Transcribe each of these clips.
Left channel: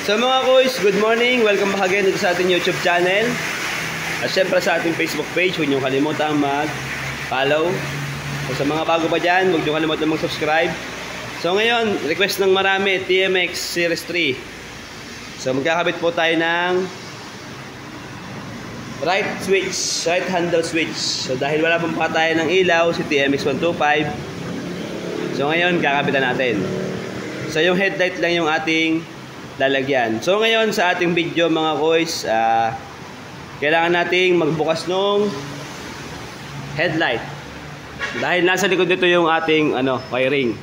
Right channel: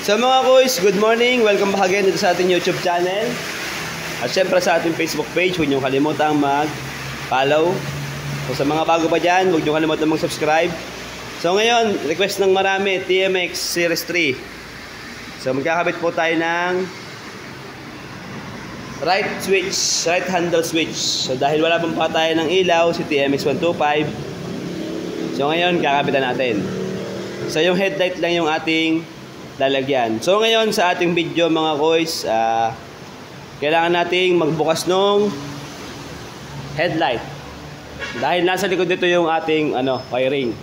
So mga kuys, good morning! Welcome back again dito sa ating YouTube channel. At syempre sa ating Facebook page, huwag niyo kalimutang mag-follow. So sa mga bago pa dyan, huwag niyo kalimutang mag-subscribe. So ngayon, request ng marami, TMX Series 3. So magkakabit po tayo ng right handle switch. So dahil wala pang tayo ng ilaw, si TMX 125. So ngayon, kakabitan natin. So yung headlight lang yung ating lalagyan. So ngayon sa ating video mga kuys, kailangan nating magbukas nung headlight. Dahil nasa likod dito yung ating wiring.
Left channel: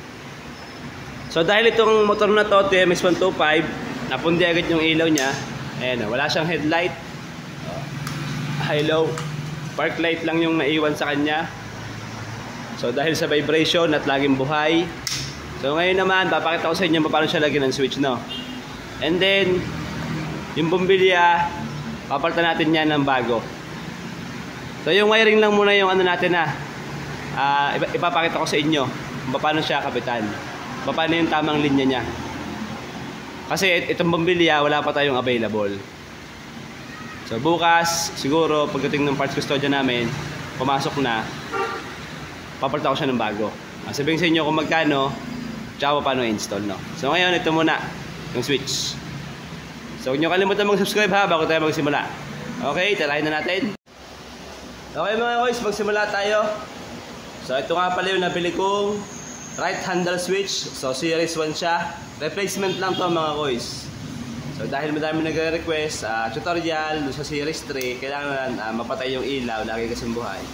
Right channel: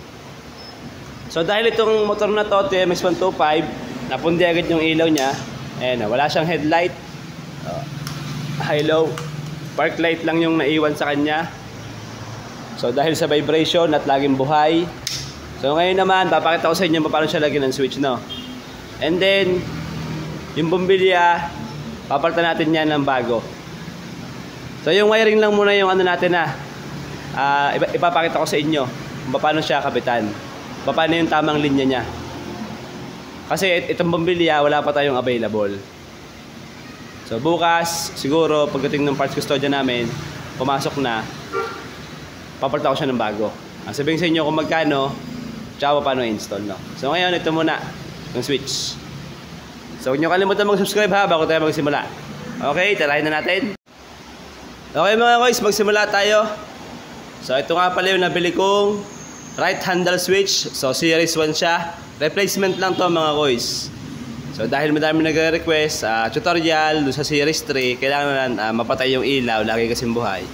So dahil itong motor na to, TMX 125, napundi agad yung ilaw niya. Ayan, wala siyang headlight. High-low. Park light lang yung naiwan sa kanya. So dahil sa vibration at laging buhay. So ngayon naman, papakita ko sa inyo paano siya lagyan ng switch, no? And then, yung bumbilya, papalitan natin yan ng bago. So yung wiring lang muna yung natin ipapakita ko sa inyo kung paano siya kapitan. Paano yung tamang linya niya. Kasi itong bumbilya, wala pa tayong available. So bukas, siguro, pagdating ng parts custodian namin, pumasok na, papalitan ko siya ng bago. Sabihin sa inyo kung magkano, tsaka paano install, no? So ngayon, ito muna yung switch. So huwag nyo kalimutan mag-subscribe bago tayo magsimula. Okay, tarahin na natin. Okay mga guys, magsimula tayo. So ito nga pala yung nabili kong right handle switch. So series 1 siya. Replacement lang to mga guys. So dahil madami nagre-request tutorial sa series 3, kailangan mapatay yung ilaw, lagi kasing buhay.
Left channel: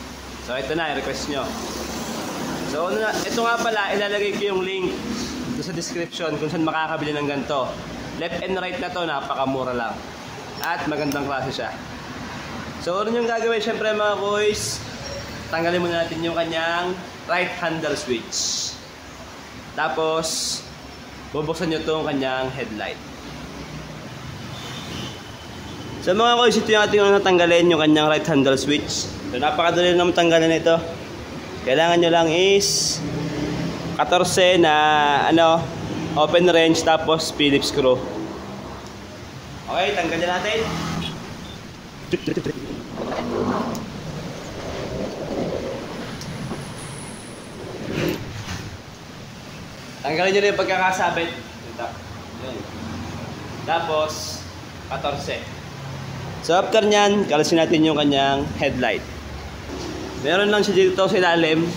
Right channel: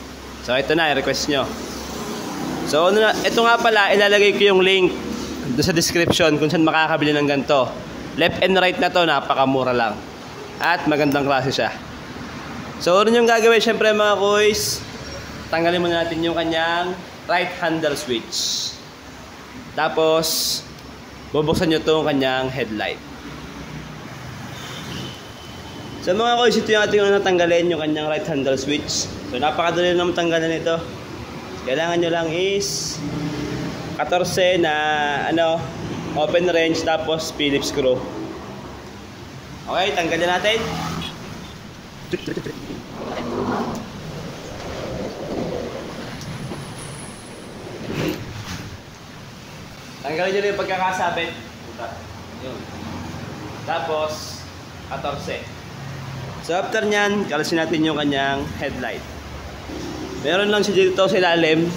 So ito na, request nyo. So ito nga pala, ilalagay ko yung link sa description kung saan makakabili ng ganito. Left and right na to, napakamura lang. At magandang klase siya. So ano yung gagawin syempre mga boys? Tanggalin muna natin yung kanyang right handle switch. Tapos bubuksan nyo itong kanyang headlight. So mga boys, ito yung ating natanggalin, yung kanyang right handle switch. So napakadali naman tanggalin ito. Kailangan nyo lang is 14 na open wrench tapos Phillips screw. Okay, tanggalin natin. Tanggalin nyo yung pagkakasabit. Yun. Tapos 14. So after nyan, kalasin natin yung kanyang headlight. Meron lang siya dito sa ilalim,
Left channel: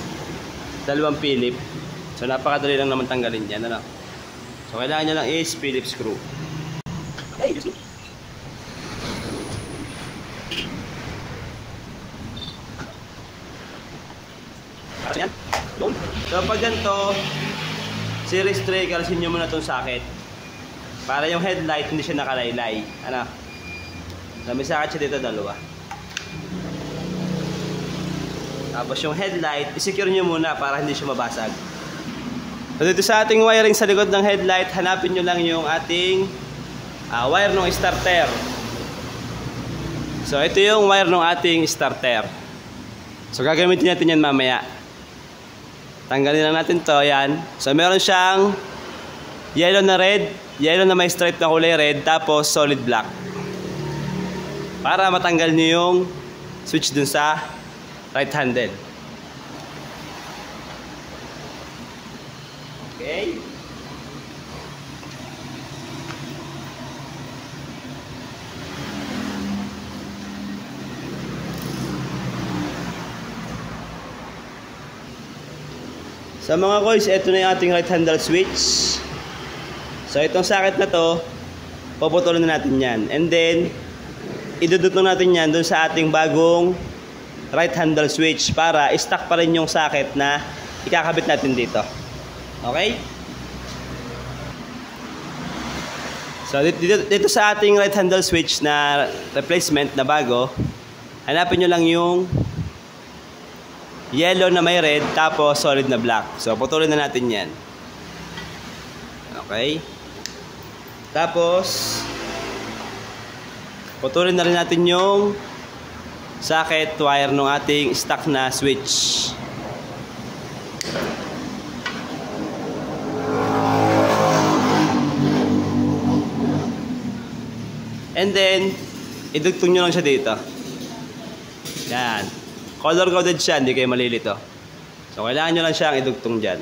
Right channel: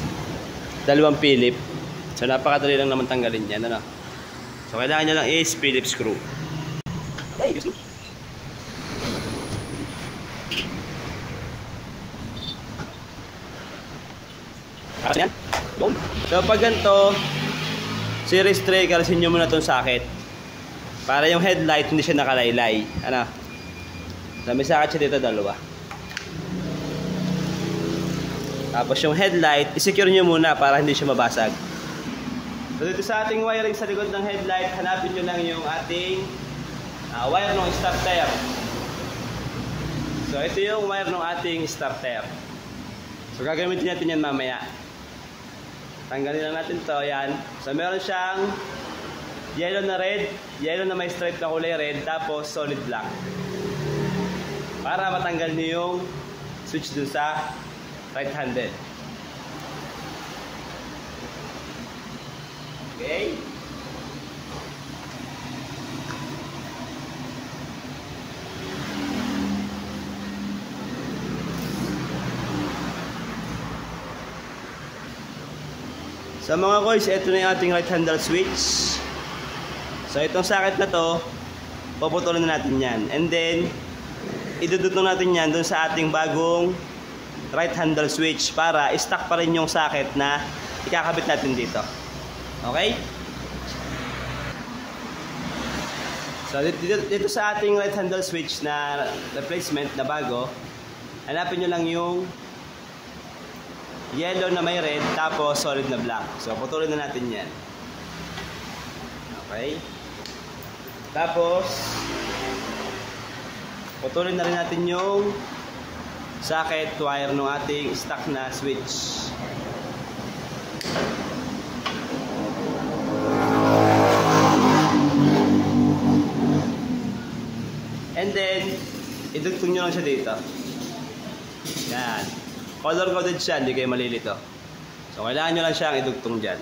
dalawang Philip. So napakadali lang naman tanggalin yan, So kailangan nyo lang is Phillips screw. So pag ganito, series 3, kalasin nyo muna itong socket. Para yung headlight hindi siya nakalaylay. May socket siya dito, dalawa. Tapos yung headlight, isecure nyo muna para hindi siya mabasag. So dito sa ating wiring sa likod ng headlight, hanapin nyo lang yung ating wire ng starter. So ito yung wire ng ating starter. So gagamitin natin yan mamaya. Tanggalin lang natin to, yan. So meron siyang yellow na red, yellow na may stripe na kulay red, tapos solid black. Para matanggal nyo yung switch dun sa right handle. Okay. So mga guys, ito na yung ating right handle switch. So itong socket na to, puputulin na natin yan. And then, idudutong natin yan dun sa ating bagong right handle switch para i-stack pa rin yung socket na ikakabit natin dito. Okay? So dito sa ating right handle switch na replacement na bago, hanapin nyo lang yung yellow na may red tapos solid na black. So putulin na natin yan. Okay? Tapos putulin na rin natin yung socket wire ng ating stock na switch. And then, idugtong nyo lang siya dito. Yan. Color-coded siya, hindi kayo malilito. So, kailangan nyo lang siyang idugtong dyan.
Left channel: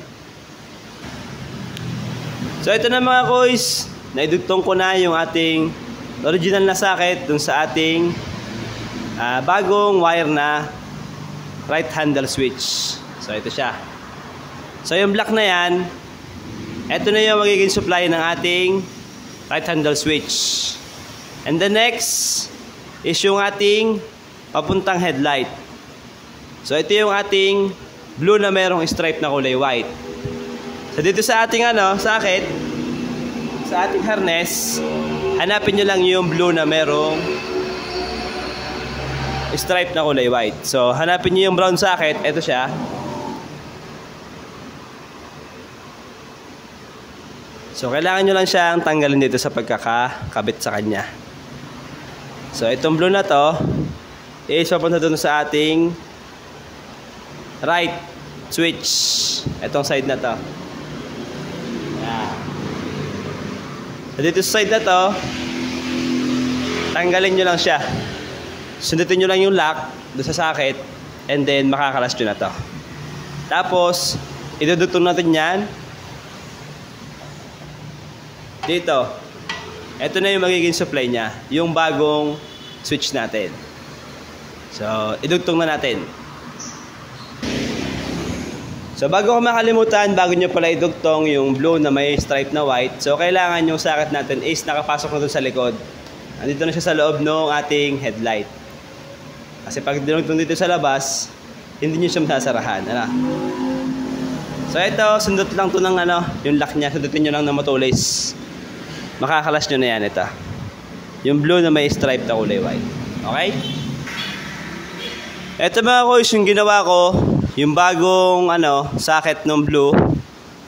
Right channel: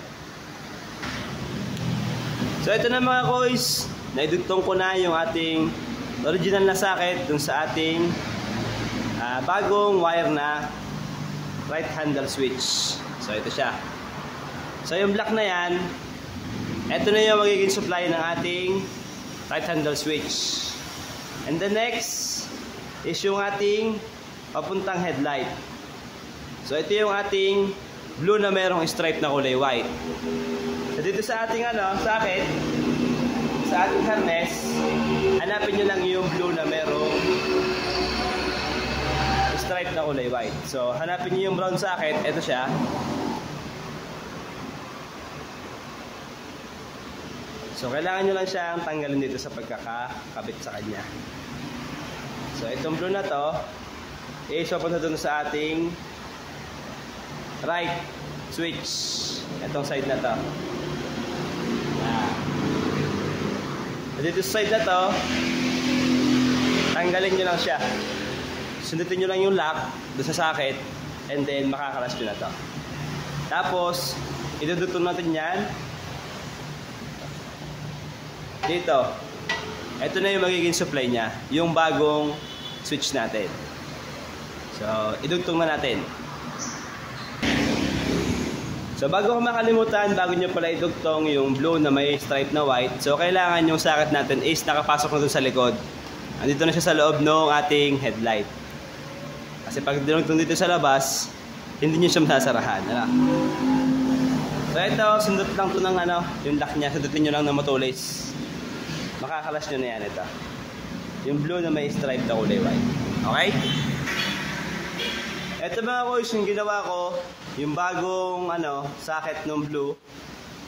So, ito na mga koys. Naidugtong ko na yung ating original na socket dun sa ating bagong wire na right handle switch. So, ito siya. So, yung black na yan, ito na yung magiging supply ng ating right handle switch. And the next is yung ating papuntang headlight. So, ito yung ating blue na merong stripe na kulay white. So, dito sa ating socket, sa ating harness, hanapin nyo lang yung blue na merong stripe na kulay white. So, hanapin nyo yung brown socket. Ito siya. So, kailangan nyo lang siyang tanggalin dito sa pagkakakabit sa kanya. So, itong blue na to is papunta dun sa ating right switch. Itong side na to. So, dito sa side na to, tanggalin nyo lang siya. Sundutin nyo lang yung lock doon sa socket, and then makakalas nyo na to. Tapos, idudutong natin yan dito. Ito na yung magiging supply niya, yung bagong switch natin. So, idugtong na natin. So, bago ko makalimutan, bago nyo pala idugtong yung blue na may stripe na white, so kailangan yung socket natin is nakapasok na dun sa likod. Andito na siya sa loob ng ating headlight. Kasi pag dinugtong dito sa labas, hindi nyo siya masasarahan. So, ito, sundot lang to ng yung lock niya, sundutin nyo lang ng matulis. Makakalas nyo na yan ito. Yung blue na may stripe na kulay white. Okay? Ito mga koys, yung ginawa ko, yung bagong socket ng blue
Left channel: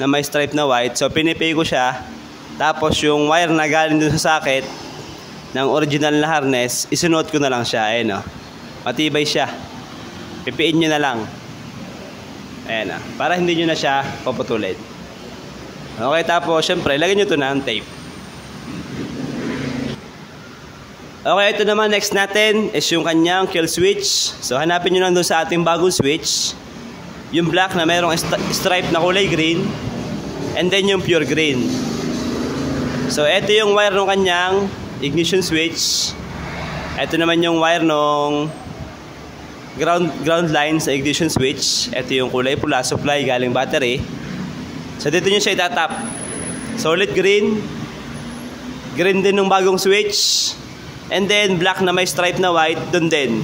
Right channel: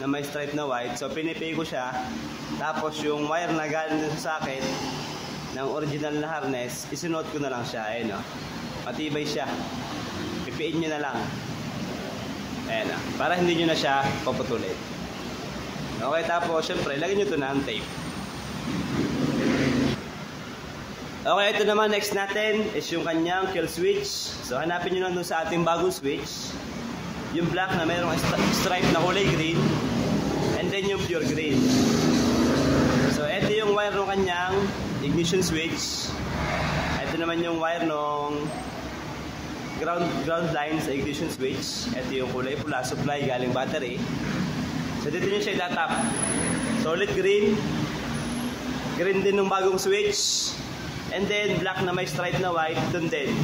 na may stripe na white. So, pinipay ko siya. Tapos, yung wire na galing dun sa socket ng original na harness, isunuot ko na lang siya. Ayan o. Matibay siya. Pipiin nyo na lang. Ayan o. Para hindi nyo na siya paputulin. Okay, tapos, syempre, lagyan nyo ito na ang tape. Okay, ito naman next natin is yung kanyang kill switch. So, hanapin nyo lang doon sa ating bagong switch. Yung black na mayroong stripe na kulay green. And then yung pure green. So, ito yung wire ng kanyang ignition switch. Ito naman yung wire ng ground line sa ignition switch. Ito yung kulay pula, supply galing battery. So, dito nyo siya itatap. Solid green. Green din ng bagong switch. And then, black na may stripe na white, dun din.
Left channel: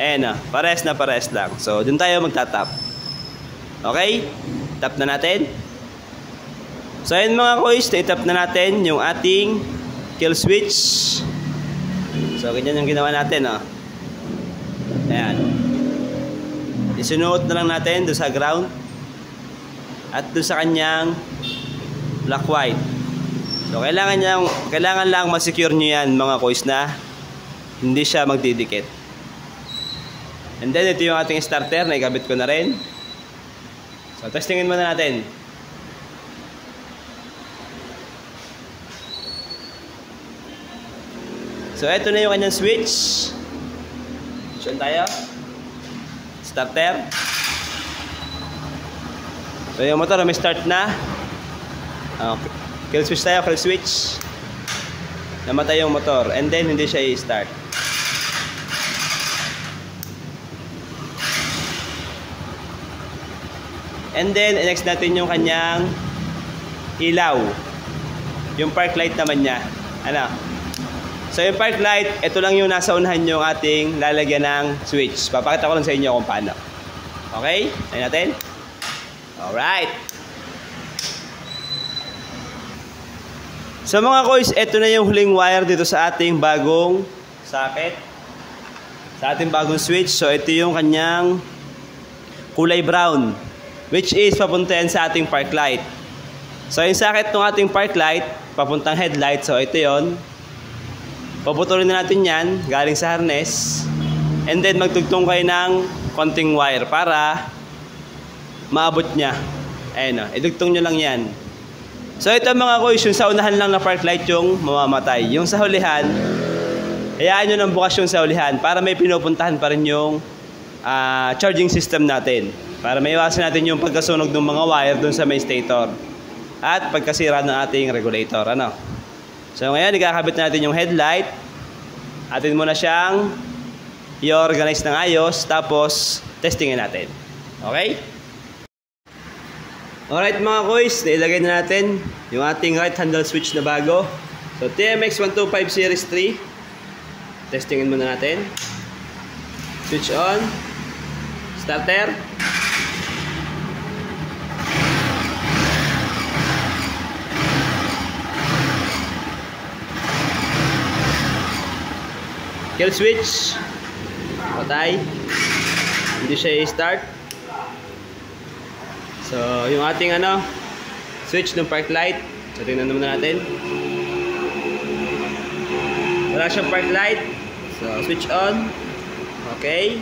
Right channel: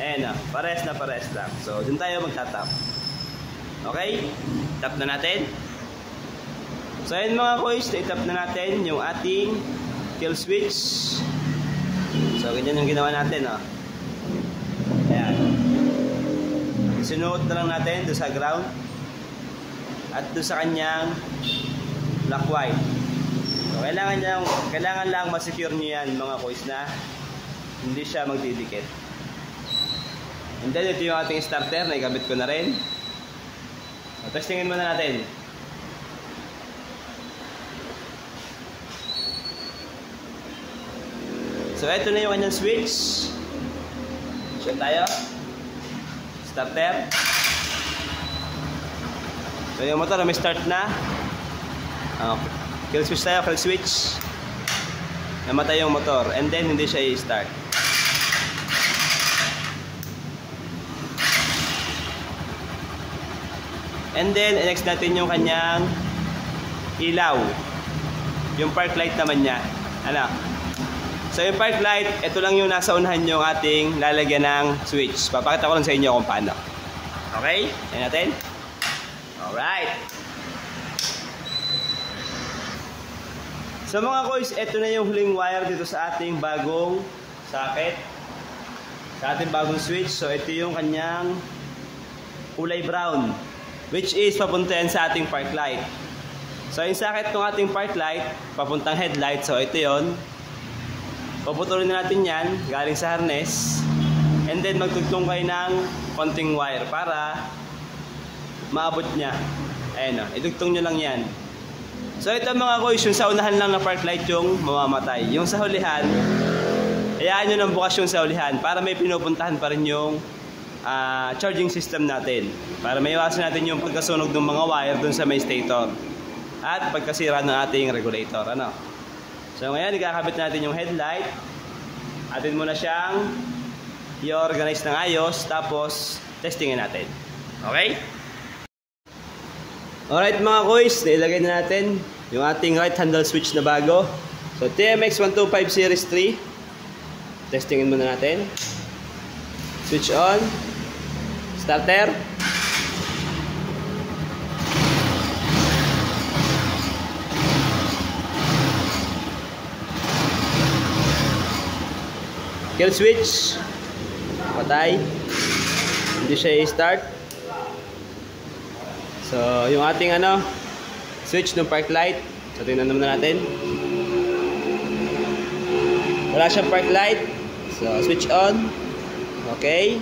Ayan pares na pares lang. So, dun tayo magtatap. Okay? Tap na natin. So, ayan mga koys, itap na natin yung ating kill switch. So, ganyan yung ginawa natin, Ayan. Isinuot na lang natin dun sa ground. At dun sa kanyang black-white. So, kailangan lang ma-secure nyo yan mga koys na hindi siya magdidikit. And then, ito yung ating starter na ikabit ko na rin. So, testingin muna natin. So, ito na yung kanyang switch. Diyan tayo. Starter. So, yung motor may start na. Okay. Kill switch tayo, kill switch. Namatay yung motor. And then, hindi siya i-start. And then, next natin yung kanyang ilaw. Yung park light naman niya. So, yung park light, ito lang yung nasa unahan yung ating lalagyan ng switch. Papakita ko lang sa inyo kung paano. Okay? Ayan natin. Alright. So mga koys, ito na yung huling wire dito sa ating bagong socket. Sa ating bagong switch. So ito yung kanyang kulay brown, which is papunta yan sa ating park light. So yung socket ng ating park light, papuntang headlight. So ito yon. Paputulin na natin yan, galing sa harness. And then magtugtong kayo ng konting wire para maabot niya. Ayan idugtong nyo lang yan. So ito mga koys, yung sa unahan lang na park light yung mamamatay. Yung sa hulihan, hayaan nyo ng bukas yung sa ulihan para may pinupuntahan pa rin yung charging system natin. Para maiwasan natin yung pagkasunog ng mga wire dun sa may stator. At pagkasira ng ating regulator. Ano? So ngayon, ikakabit natin yung headlight. Atin muna siyang i-organize ng ayos. Tapos, testingin natin. Okay? Alright mga koys, nailagay na natin yung ating right handle switch na bago. So TMX 125 Series 3. Testingin muna natin. Switch on. Starter. Kill switch. Patay. Hindi siya i-start. So, yung ating switch ng park light. So, tingnan naman natin. Wala siyang park light. So, switch on. Okay.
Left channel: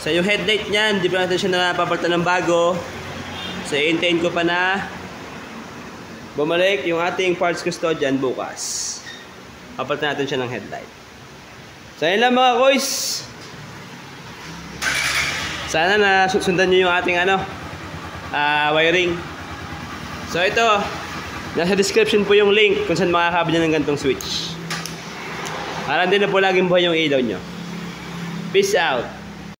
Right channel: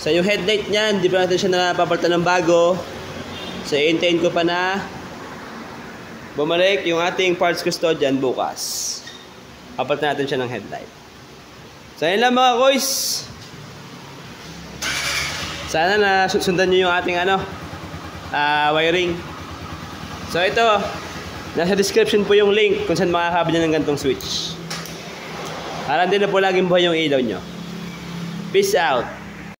So, yung headlight niyan, hindi pa natin siya napapalitan ng bago. So, i-hintayin ko pa na bumalik yung ating parts custodian bukas. Papalitan natin siya ng headlight. So, yun lang mga koys. Sana na sundan nyo yung ating wiring. So, ito. Nasa description po yung link kung saan makakabili ng gantong switch. Para din na po laging buhay yung ilaw nyo. Peace out.